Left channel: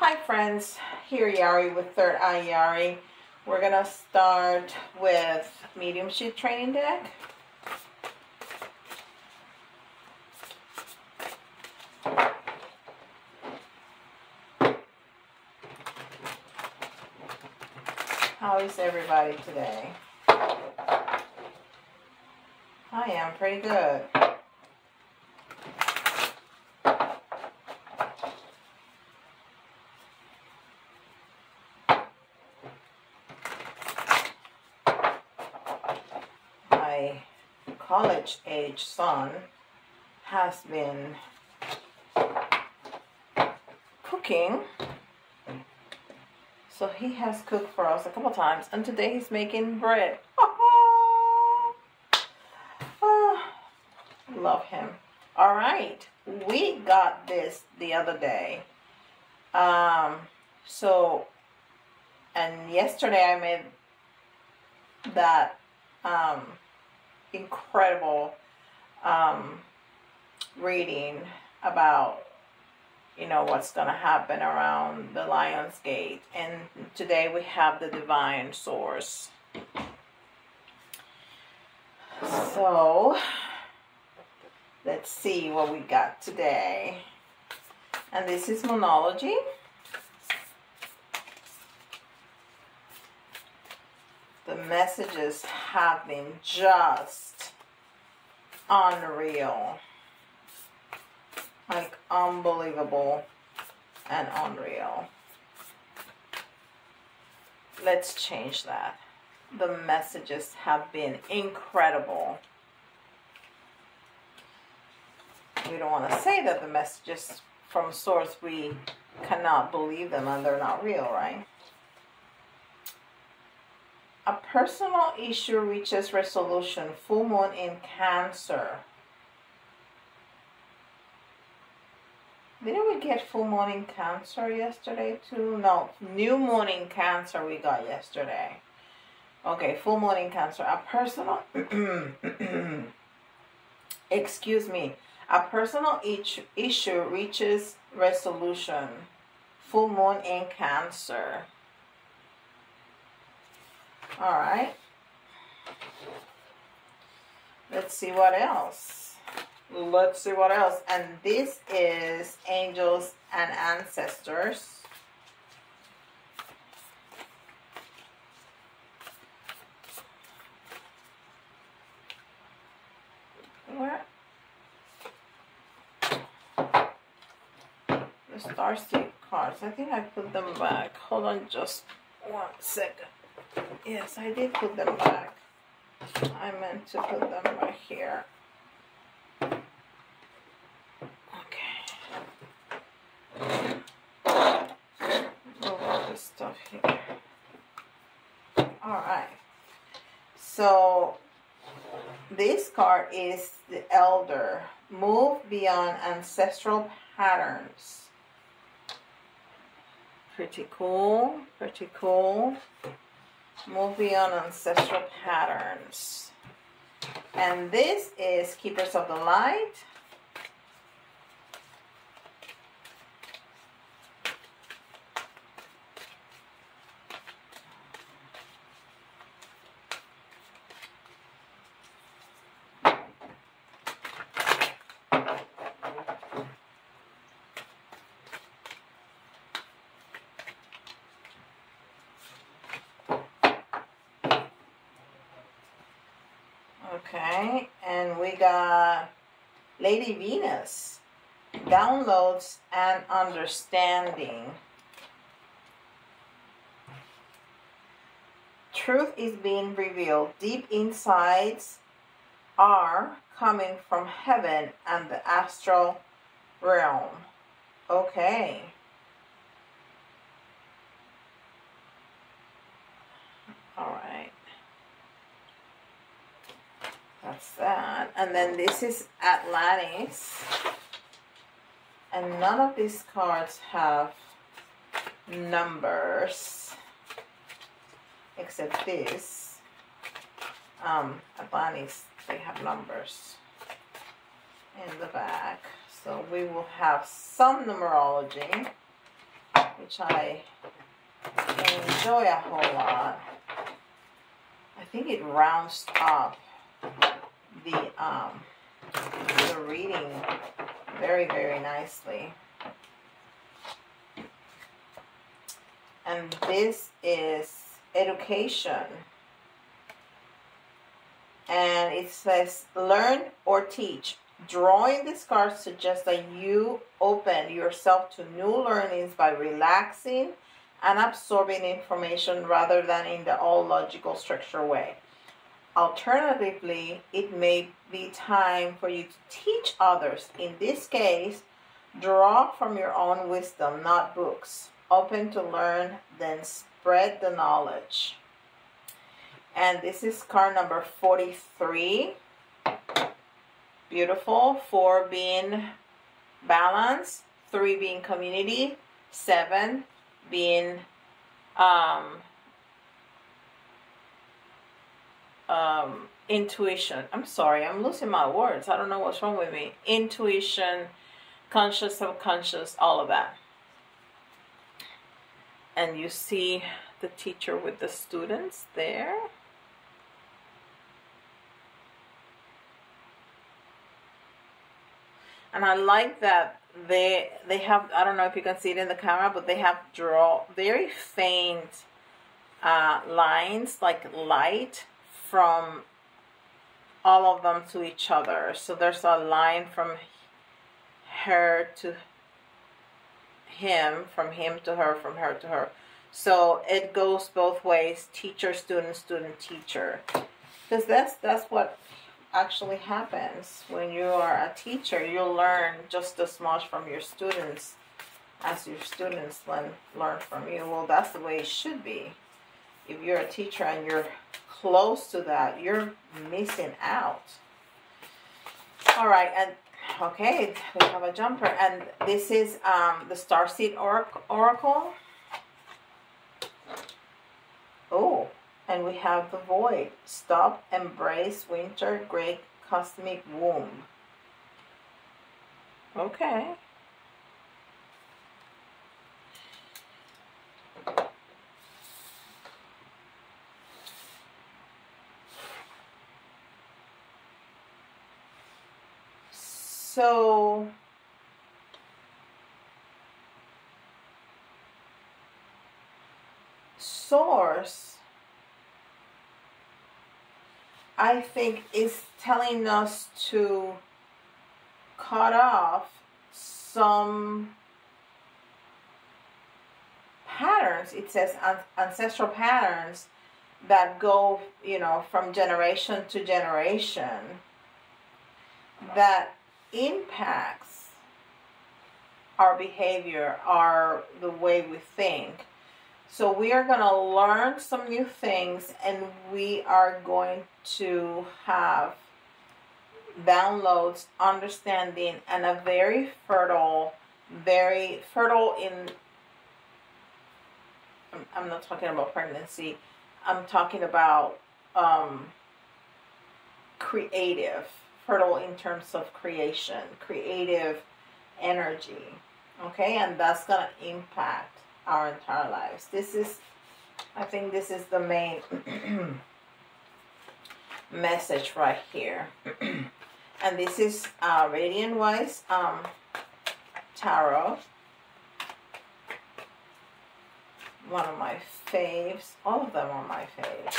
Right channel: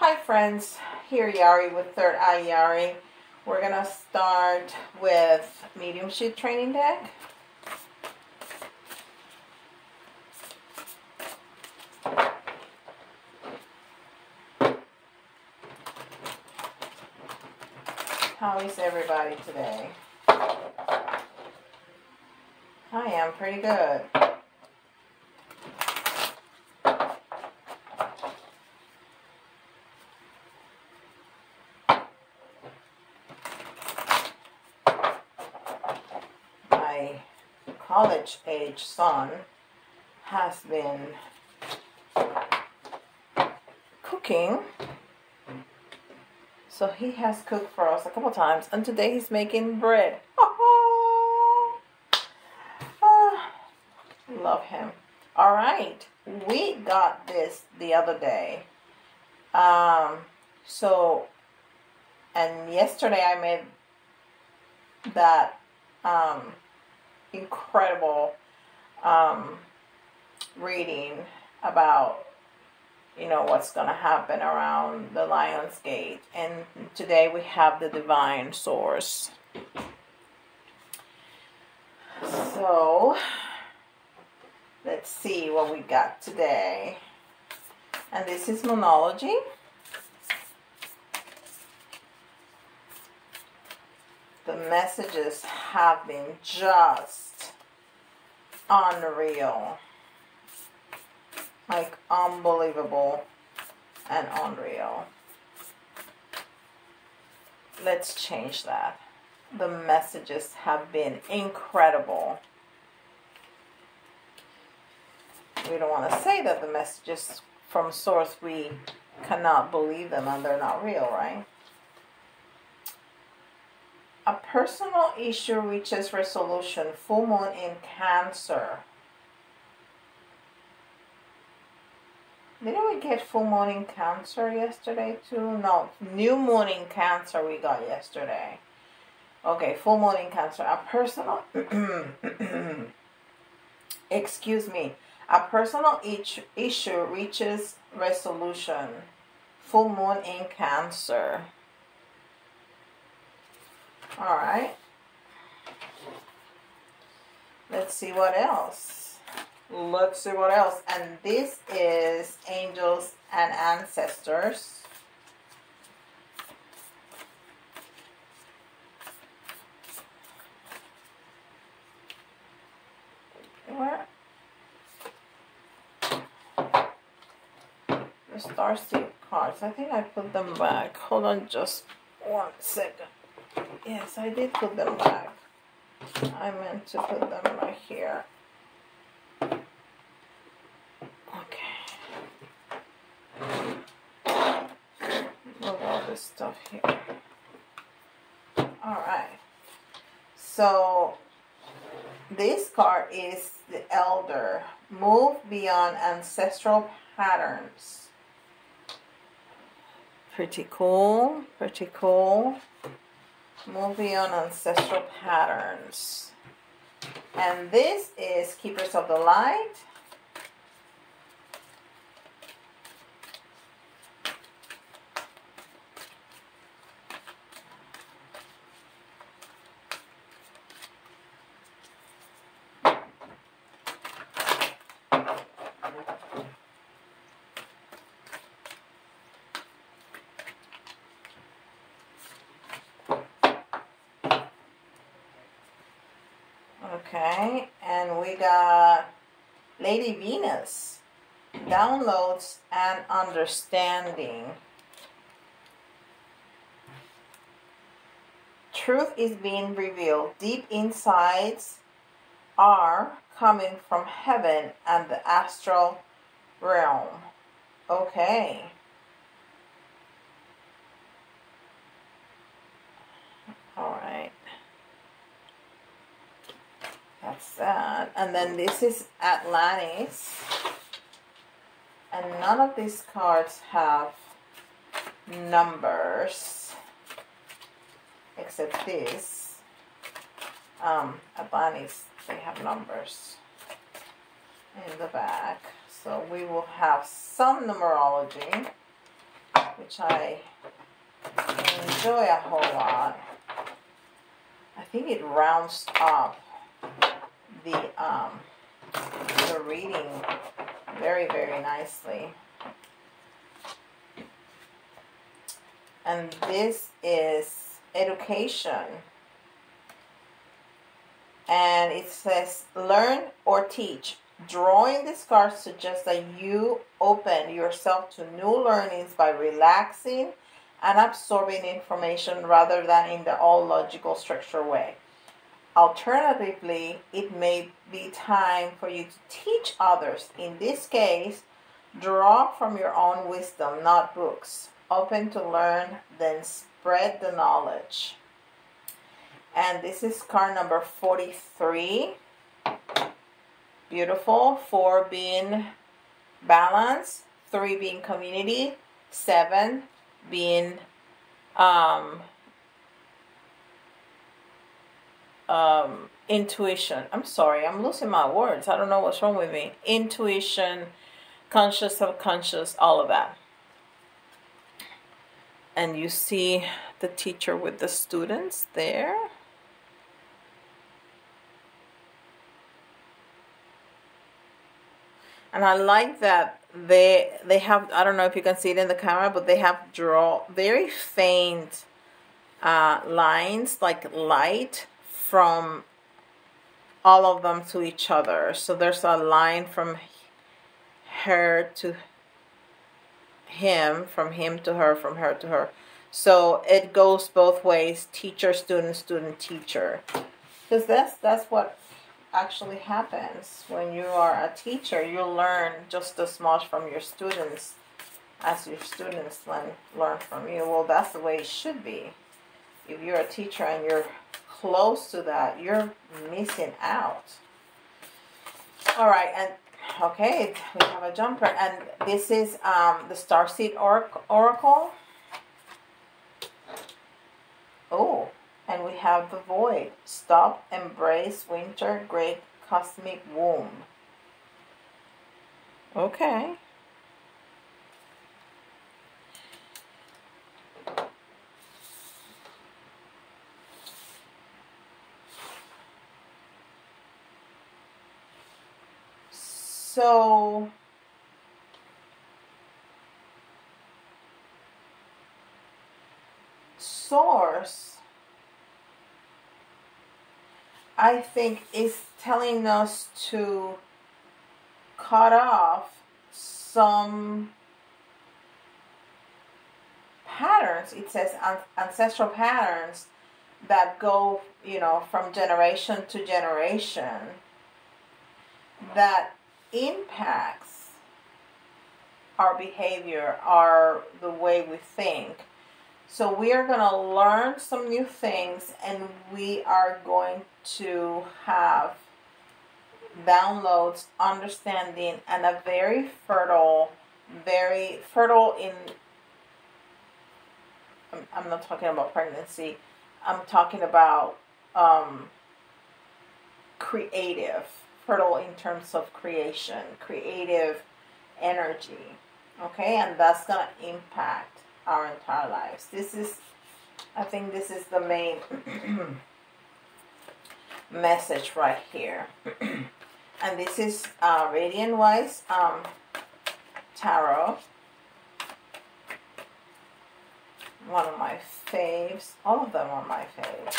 Hi friends, here Yari with Third Eye Yari. We're going to start with Mediumship training deck. How is everybody today? I am pretty good. My college-age son has been cooking. So he has cooked for us a couple times, and today he's making bread. Love him. All right, we got this the other day. And yesterday I made that incredible reading about, you know, what's going to happen around the Lion's Gate. And today we have the Divine Source. So, let's see what we got today. And this is Monology. The messages have been just unreal. Like unbelievable and unreal. Let's change that. The messages have been incredible. We don't want to say that the messages from source, we cannot believe them and they're not real, right? A personal issue reaches resolution. Full moon in Cancer. Didn't we get full moon in Cancer yesterday too? No, new moon in Cancer we got yesterday. Okay, full moon in Cancer. A personal, excuse me, a personal issue reaches resolution. Full moon in Cancer. All right. Let's see what else. Let's see what else. And this is Angels and Ancestors. Where? The Starseed cards. I think I put them back. Hold on just 1 second. Yes, I did put them back. I meant to put them right here. Move all this stuff here. Alright. So, this card is the Elder. Move beyond ancestral patterns. Pretty cool. Pretty cool. Move beyond ancestral patterns. And this is Keepers of the Light. Okay, and we got Lady Venus, downloads and understanding. Truth is being revealed. Deep insights are coming from heaven and the astral realm. Okay. Alright. That's that. And then this is Atlantis. And none of these cards have numbers. Except this. Atlantis, they have numbers in the back. So we will have some numerology. which I enjoy a whole lot. I think it rounds up the reading very, very nicely. And this is education. And it says, learn or teach. Drawing these cards suggests that you open yourself to new learnings by relaxing and absorbing information rather than in the all logical structure way. Alternatively, it may be time for you to teach others. In this case, draw from your own wisdom, not books. Open to learn, then spread the knowledge. And this is card number 43. Beautiful. 4 being balance, 3 being community, 7 being intuition. I'm sorry, I'm losing my words. I don't know what's wrong with me. Intuition, conscious, subconscious, all of that. And you see the teacher with the students there. And I like that they have, I don't know if you can see it in the camera, but they have draw very faint lines, like light, from all of them to each other. So there's a line from her to him, from him to her, from her to her. So it goes both ways, teacher, student, student, teacher. Because that's what actually happens when you are a teacher. You learn just as much from your students as your students learn from you. Well, that's the way it should be. If you're a teacher and you're close to that, you're missing out. All right, and okay, we have a jumper, and this is the Starseed Oracle. Oh, and we have the Void. Stop, embrace winter, great cosmic womb. Okay. So Source, I think, is telling us to cut off some patterns. It says ancestral patterns that go, you know, from generation to generation, that impacts our behavior, the way we think. So we are going to learn some new things, and we are going to have downloads, understanding, and a very fertile in, I'm not talking about pregnancy, I'm talking about creative, fertile in terms of creation, creative energy, okay? And that's going to impact our entire lives. This is, I think this is the main message right here. And this is Radiant Wise Tarot. One of my faves. All of them are my faves.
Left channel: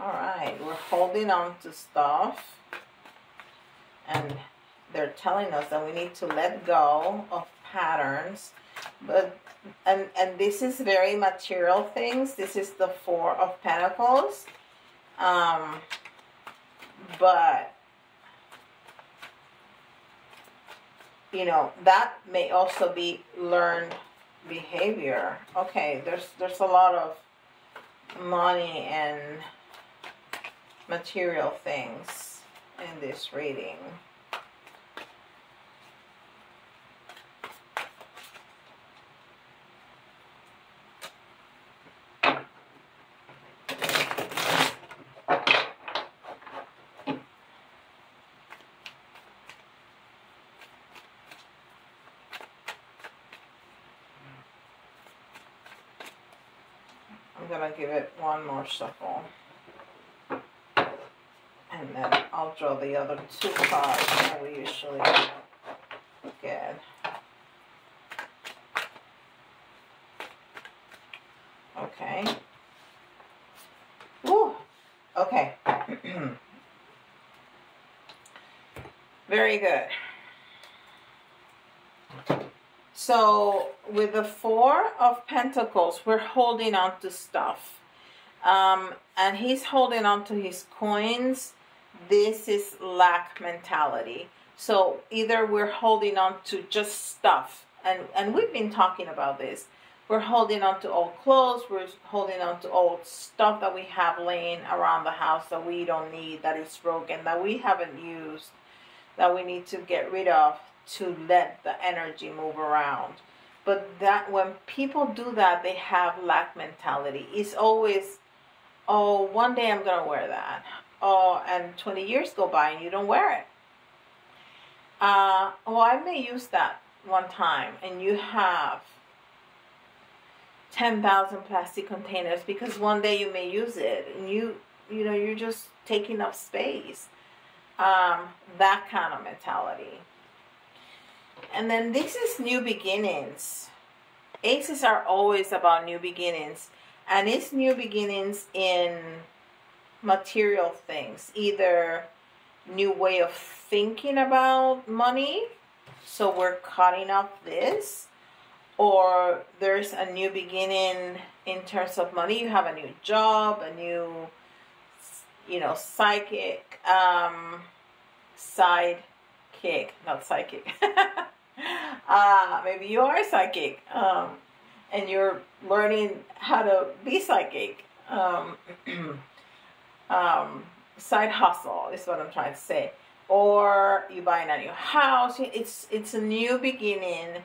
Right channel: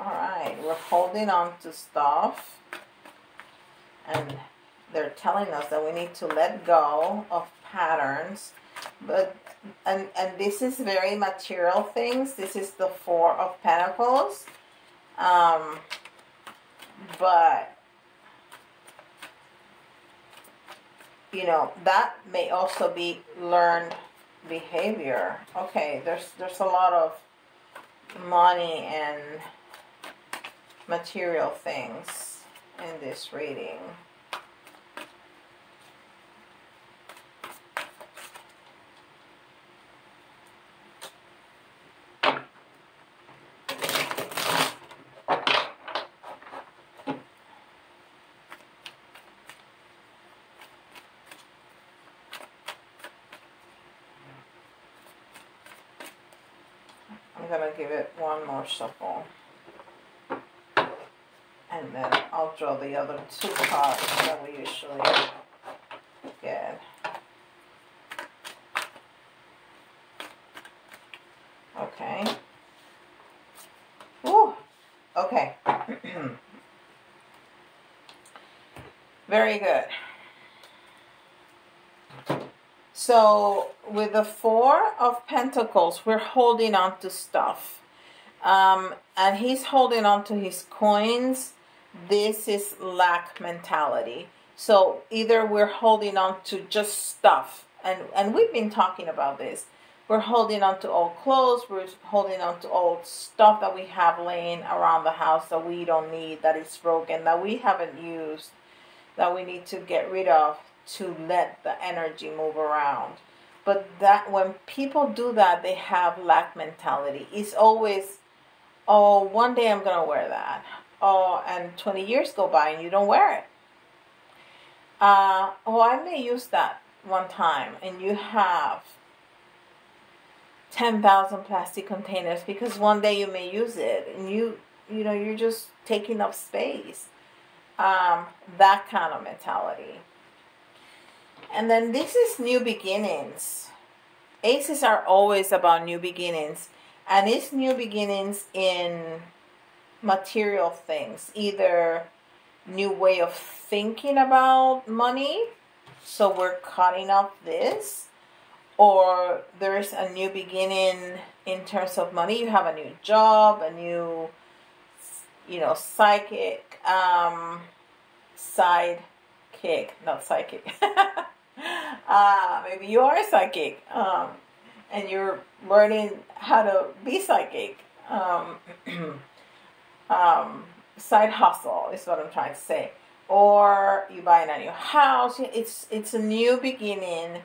Alright, we're holding on to stuff. And they're telling us that we need to let go of patterns. But and this is very material things. This is the Four of Pentacles. But you know, that may also be learned behavior. Okay, there's a lot of money and material things in this reading. gonna give it one more shuffle. And then I'll draw the other 2 cards that we usually get. Okay. Whew. Okay. Very good. So with the 4 of Pentacles, we're holding on to stuff. And he's holding on to his coins. This is lack mentality. So either we're holding on to just stuff. And we've been talking about this. We're holding on to old clothes. We're holding on to old stuff that we have laying around the house that we don't need, that is broken, that we haven't used, that we need to get rid of to let the energy move around. But that when people do that, they have lack mentality. It's always, oh, one day I'm going to wear that. Oh, and 20 years go by and you don't wear it. Oh, I may use that one time, and you have 10,000 plastic containers because one day you may use it, and you know, you're just taking up space. That kind of mentality. And then this is new beginnings. Aces are always about new beginnings, and it's new beginnings in material things, either new way of thinking about money, so we're cutting off this, or there's a new beginning in terms of money. You have a new job, a new, you know, psychic, sidekick, not psychic. Maybe you are psychic, and you're learning how to be psychic. Side hustle is what I'm trying to say. Or you buy a new house. It's a new beginning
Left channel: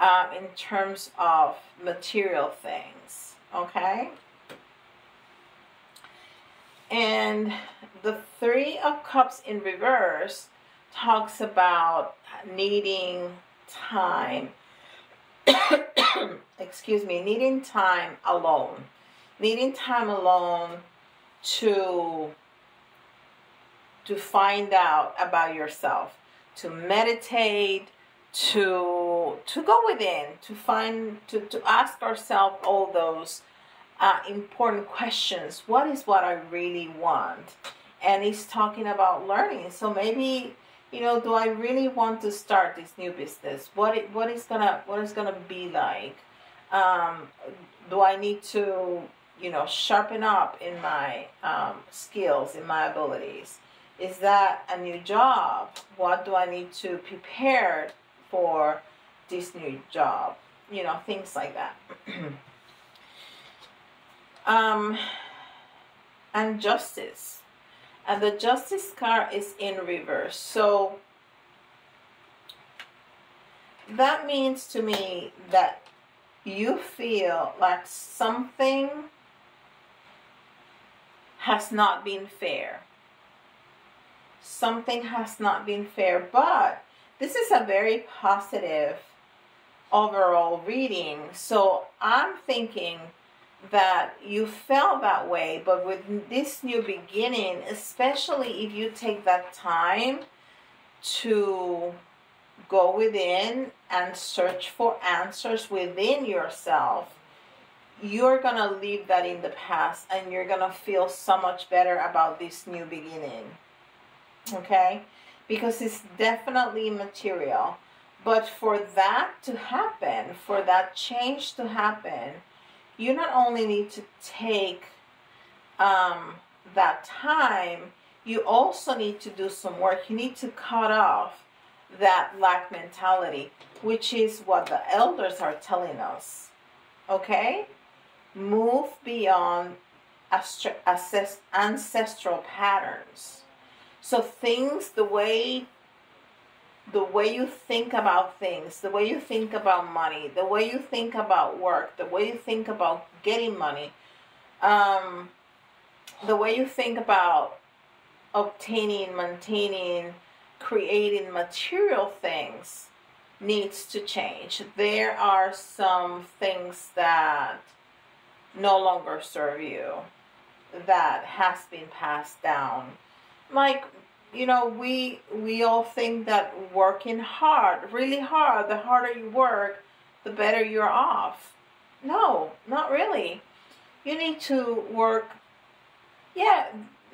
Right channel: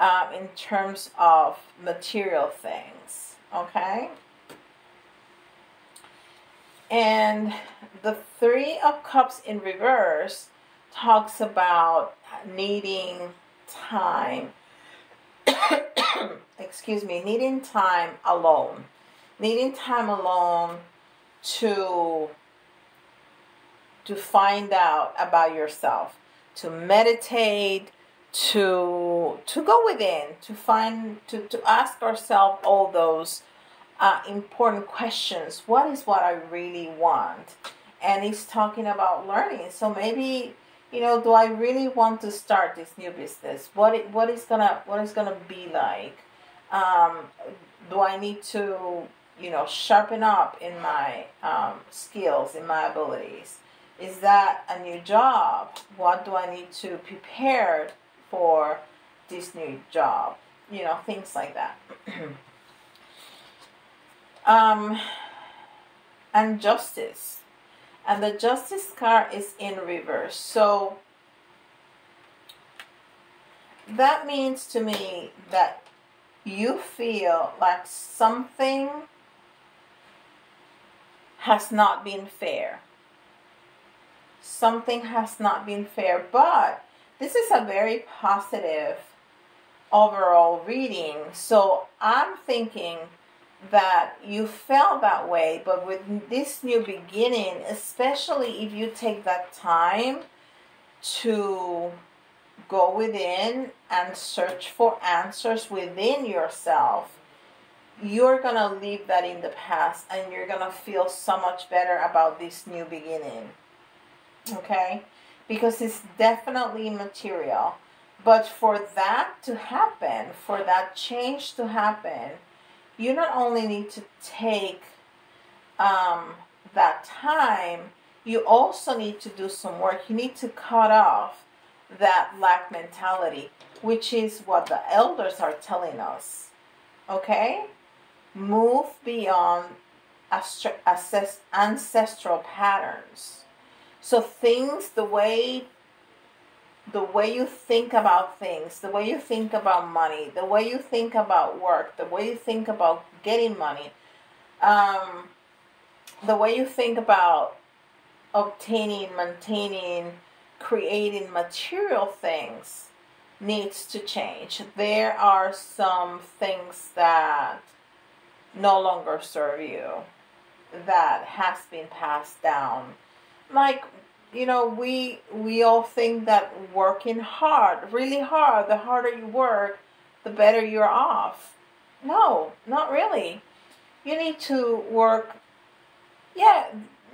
in terms of material things. Okay? And the 3 of Cups in reverse talks about needing time. Excuse me, needing time alone. Needing time alone to find out about yourself, to meditate, to go within, to ask ourselves all those important questions. What is what I really want? And he's talking about learning. So maybe, you know, do I really want to start this new business? What is gonna be like? Do I need to, you know, sharpen up in my skills, in my abilities? Is that a new job? What do I need to prepare for this new job? You know, things like that. And justice. And the justice card is in reverse. So that means to me that you feel like something has not been fair. Something has not been fair, but this is a very positive overall reading. So I'm thinking that you felt that way, but with this new beginning, especially if you take that time to go within and search for answers within yourself, you're going to leave that in the past and you're going to feel so much better about this new beginning. Okay? Because it's definitely material. But for that to happen, for that change to happen, you not only need to take that time, you also need to do some work. You need to cut off that lack mentality, which is what the elders are telling us. Okay? Move beyond ancestral patterns. So things, the way you think about things, the way you think about money, the way you think about work, the way you think about getting money, the way you think about obtaining, maintaining, creating material things needs to change. There are some things that no longer serve you, that has been passed down. Like, you know, we all think that working hard, really hard, the harder you work, the better you're off. No, not really. You need to work, yeah,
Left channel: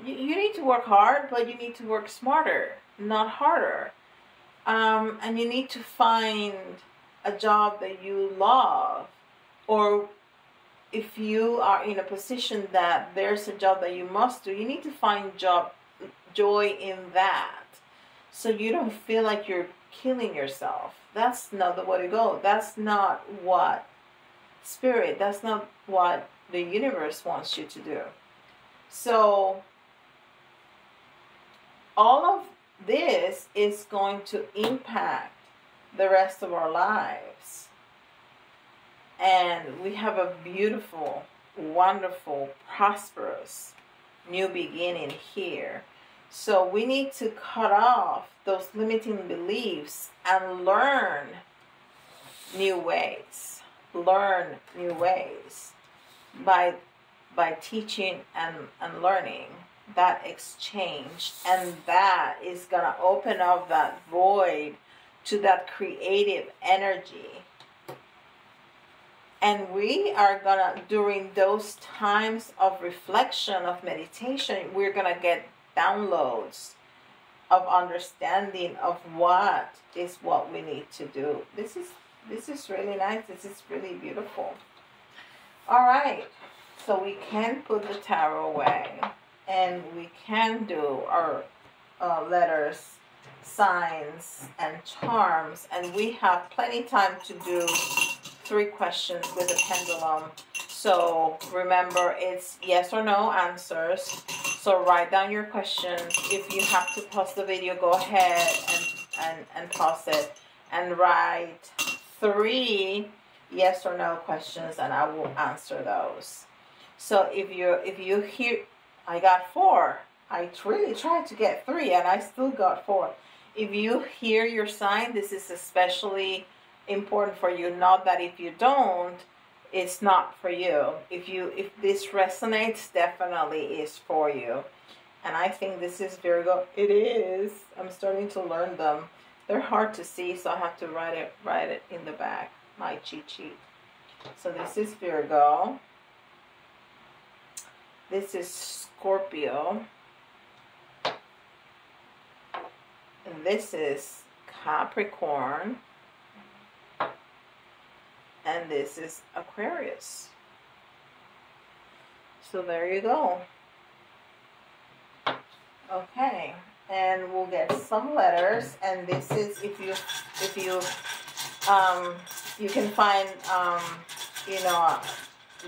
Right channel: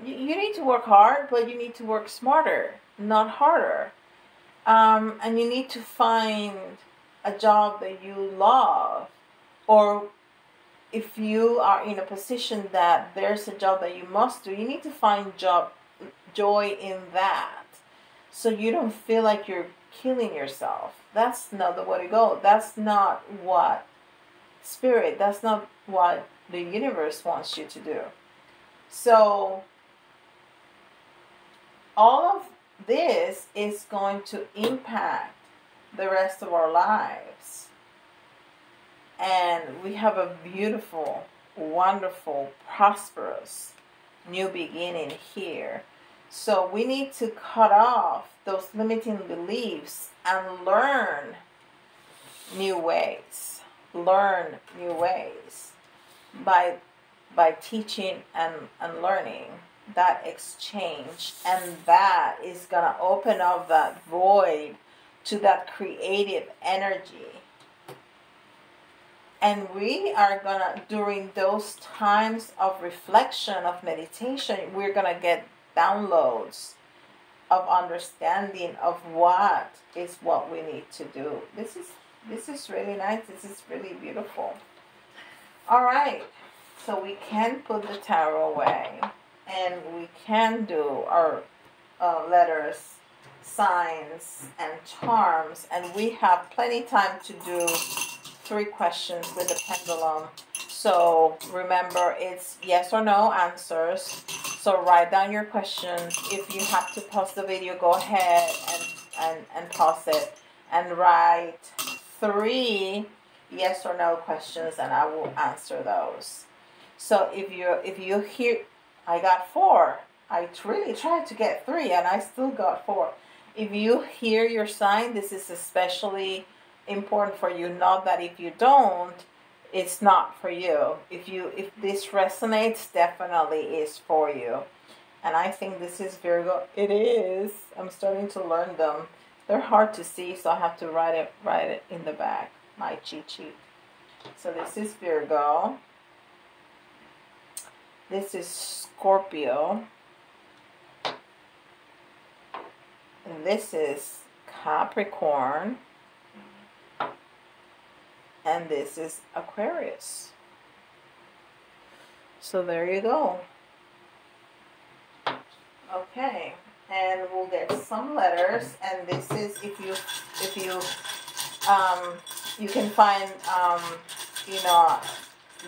you need to work hard, but you need to work smarter, not harder. And you need to find a job that you love, or if you are in a position that there's a job that you must do, you need to find joy in that, so you don't feel like you're killing yourself. That's not the way to go. That's not what spirit, that's not what the universe wants you to do. So all of this is going to impact the rest of our lives. And we have a beautiful, wonderful, prosperous new beginning here. So we need to cut off those limiting beliefs and learn new ways. Learn new ways by teaching and learning, that exchange. And that is going to open up that void to that creative energy. And we are going to, during those times of reflection, of meditation, we're going to get downloads of understanding of what we need to do. This is really nice. This is really beautiful. All right. So we can put the tarot away, and we can do our letters, signs, and charms. And we have plenty of time to do 3 questions with the pendulum. So remember, it's yes or no answers. So write down your questions. If you have to pause the video, go ahead and pause it. And write 3 yes or no questions, and I will answer those. So if you hear, I got 4. I really tried to get 3, and I still got 4. If you hear your sign, this is especially important for you. Not that if you don't, it's not for you. If this resonates, definitely is for you. And I think this is Virgo. It is. I'm starting to learn them. They're hard to see, so I have to write it in the back, my cheat sheet. So this is Virgo. This is Scorpio. And this is Capricorn. And this is Aquarius. So there you go. Okay, and we'll get some letters. And this is if you you can find you know,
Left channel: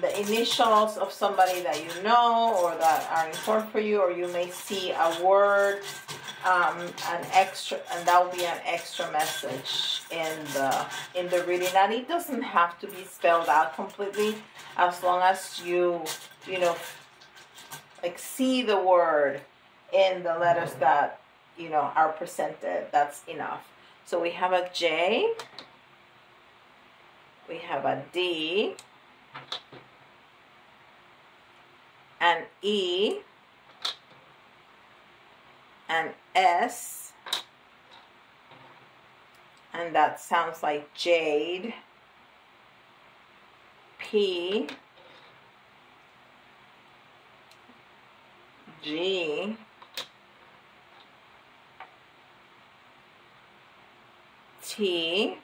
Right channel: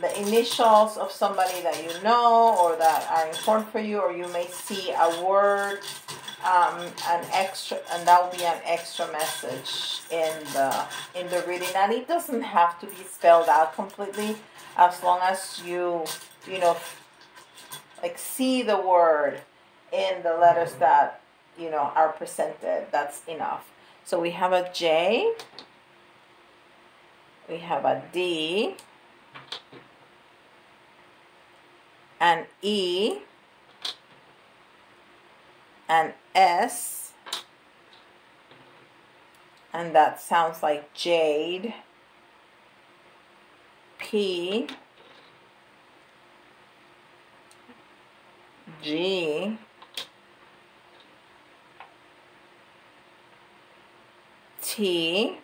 the initials of somebody that you know or that are important for you, or you may see a word, an extra, and that will be an extra message in the reading. And it doesn't have to be spelled out completely, as long as you know, like, see the word in the letters that, you know, are presented. That's enough. So we have a J, we have a D, an E, an S, and that sounds like jade, P, G, T.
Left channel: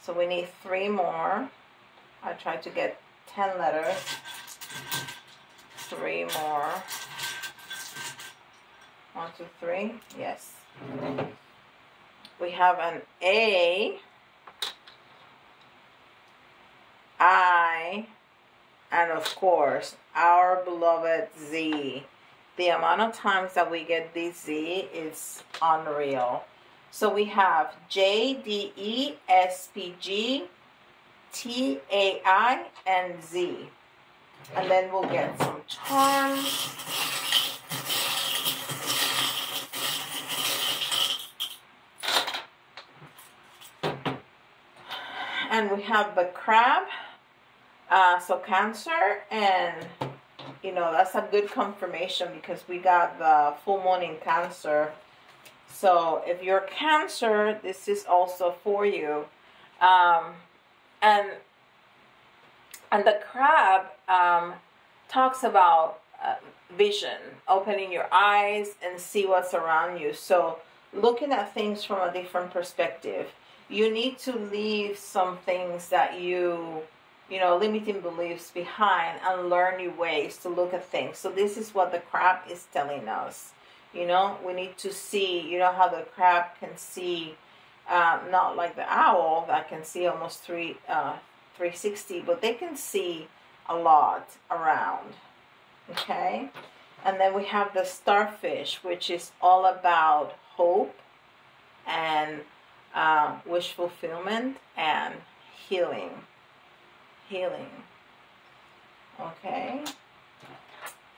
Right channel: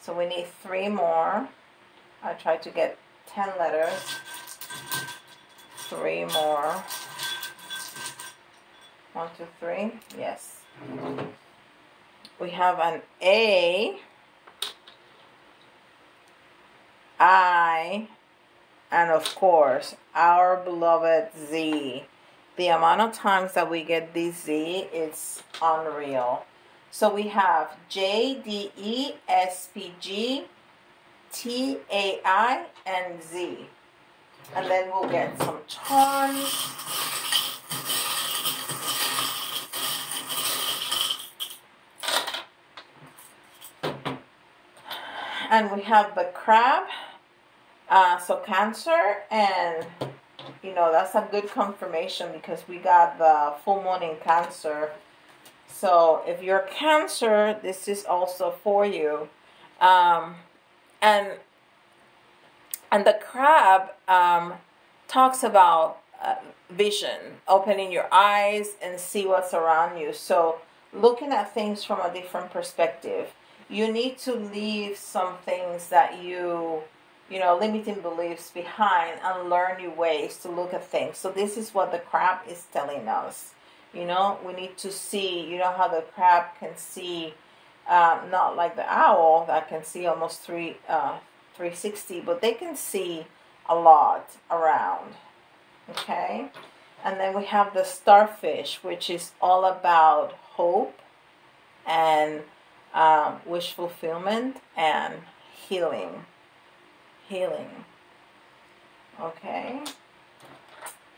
So we need 3 more. I tried to get 10 letters. 3 more. 1, 2, 3. Yes. We have an A, I, and of course, our beloved Z. The amount of times that we get this Z is unreal. So we have J, D, E, S, P, G, T, A, I, and Z. And then we'll get some charms. And we have the crab, So Cancer, and you know, that's a good confirmation because we got the full moon in Cancer. So if you're Cancer, this is also for you. And the crab talks about vision, opening your eyes and see what's around you. So looking at things from a different perspective. You need to leave some things that you know, limiting beliefs behind and learn new ways to look at things. So this is what the crab is telling us. You know, we need to see, you know how the crab can see, not like the owl that can see almost 360, but they can see a lot around. Okay, and then we have the starfish, which is all about hope and wish fulfillment and healing. Okay,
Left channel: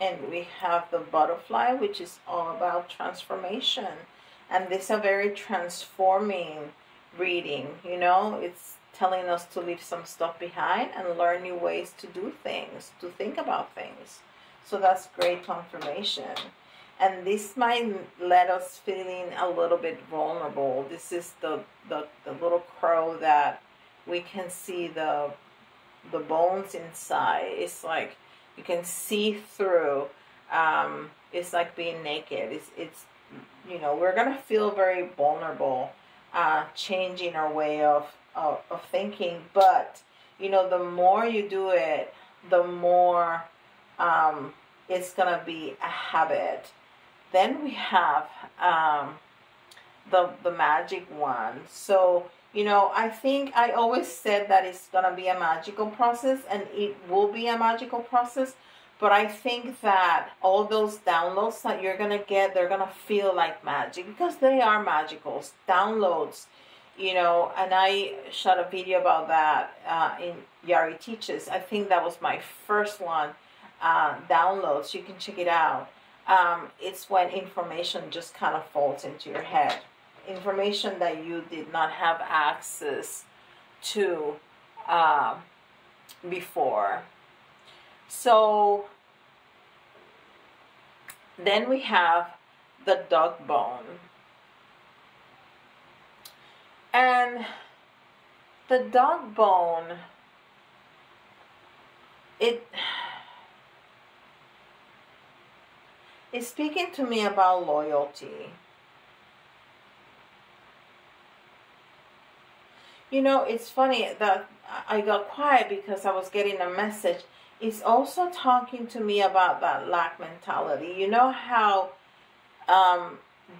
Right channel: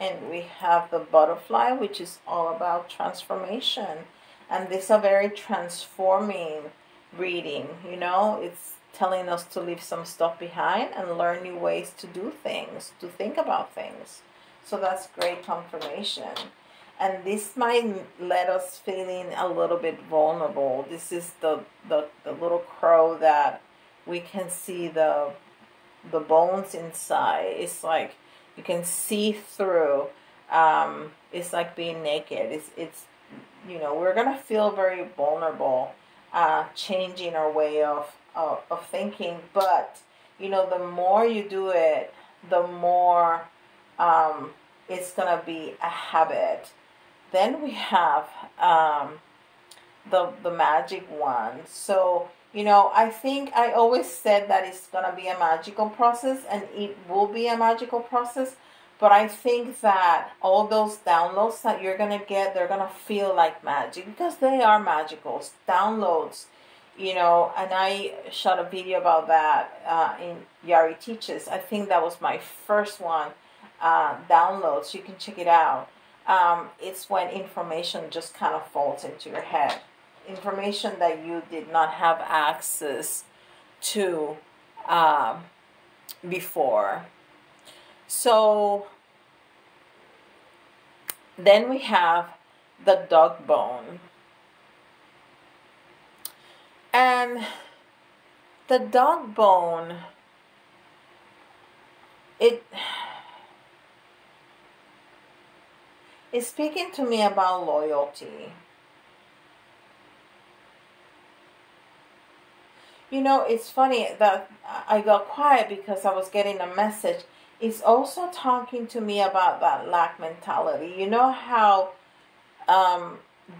and we have the butterfly, which is all about transformation, and this is a very transforming reading. You know, it's telling us to leave some stuff behind and learn new ways to do things, to think about things. So that's great confirmation. And this might let us feeling a little bit vulnerable. This is the little crow that we can see the bones inside. It's like you can see through. It's like being naked. It's you know, we're gonna feel very vulnerable, changing our way of thinking. But you know, the more you do it, the more it's gonna be a habit. Then we have the magic wand. So you know, I think I always said that it's going to be a magical process, and it will be a magical process. But I think that all those downloads that you're going to get, they're going to feel like magic because they are magical downloads, you know. And I shot a video about that in Yari Teaches. I think that was my first one, downloads. You can check it out. It's when information just kind of falls into your head. Information that you did not have access to before. So then we have the dog bone. And the dog bone, it's speaking to me about loyalty. You know, it's funny that I got quiet because I was getting a message. It's also talking to me about that lack mentality. You know how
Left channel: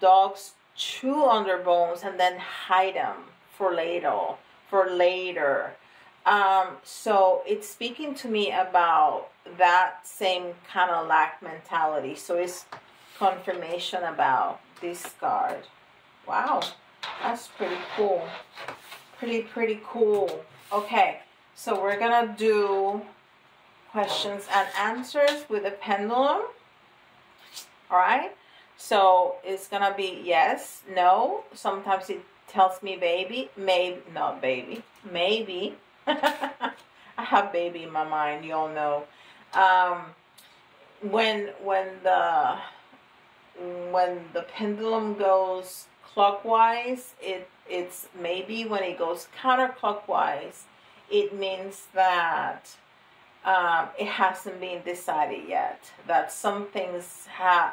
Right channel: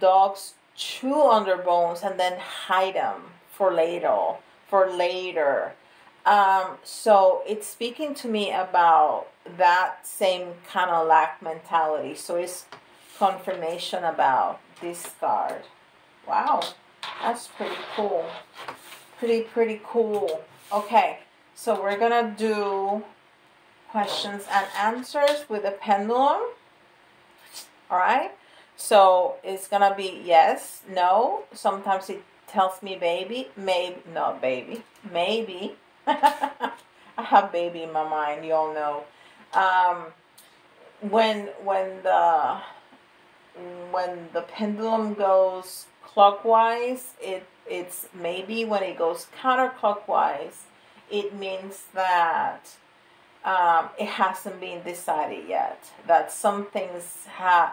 dogs chew on their bones and then hide them for later. So it's speaking to me about that same kind of lack mentality. So it's confirmation about this card. Wow, that's pretty cool. Pretty cool. Okay, so we're gonna do questions and answers with a pendulum. All right, so it's gonna be yes, no. Sometimes it tells me baby, maybe, not baby, maybe. I have baby in my mind, you all know. When the pendulum goes clockwise, it's maybe. When it goes counterclockwise, it means that it hasn't been decided yet. That some things has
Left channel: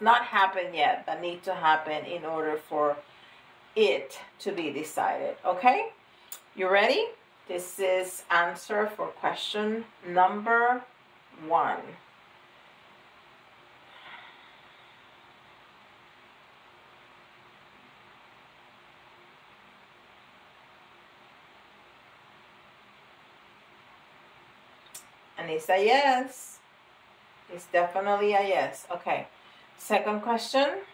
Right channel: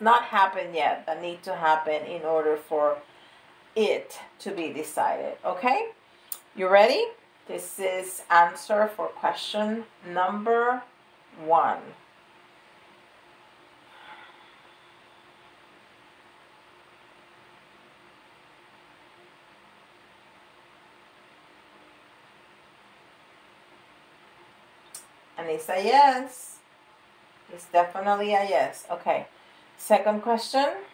not happened yet that need to happen in order for it to be decided. Okay, you ready? This is answer for question number 1. And it's a yes. It's definitely a yes. Okay. Second question.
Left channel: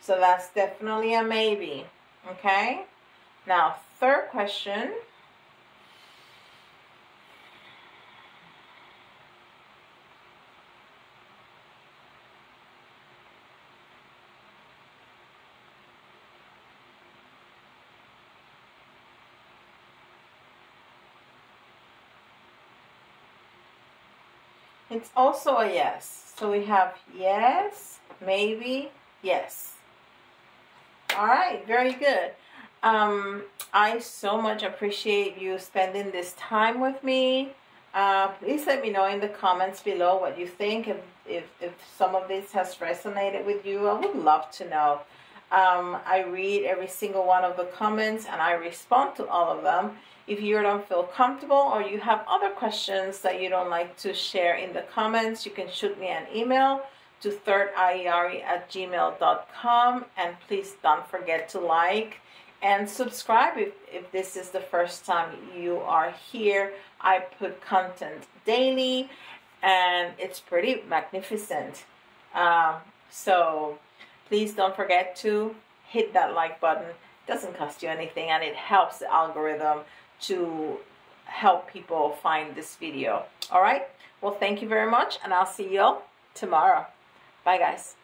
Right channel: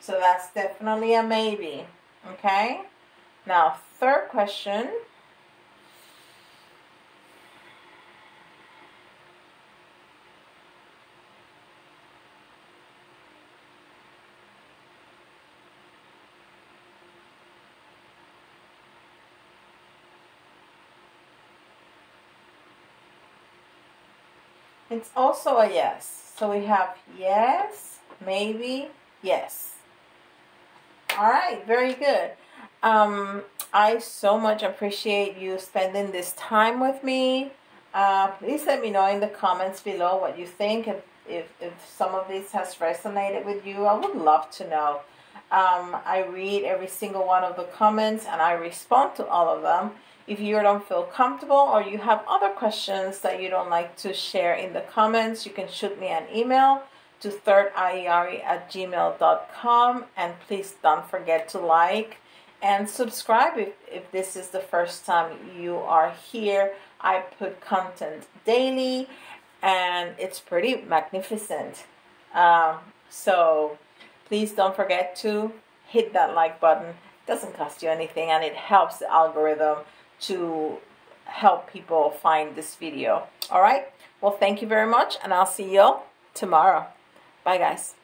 So that's definitely a maybe. Okay. Now, third question. It's also a yes. So we have yes, maybe, yes. All right, very good. I so much appreciate you spending this time with me. Please let me know in the comments below what you think. If some of this has resonated with you, I would love to know. I read every single one of the comments and I respond to all of them. If you don't feel comfortable or you have other questions that you don't like to share in the comments, you can shoot me an email to thirdeyari@gmail.com, and please don't forget to like and subscribe if this is the first time you are here. I put content daily and it's pretty magnificent. So please don't forget to hit that like button. It doesn't cost you anything and it helps the algorithm to help people find this video. All right, well, thank you very much and I'll see you tomorrow. Bye guys.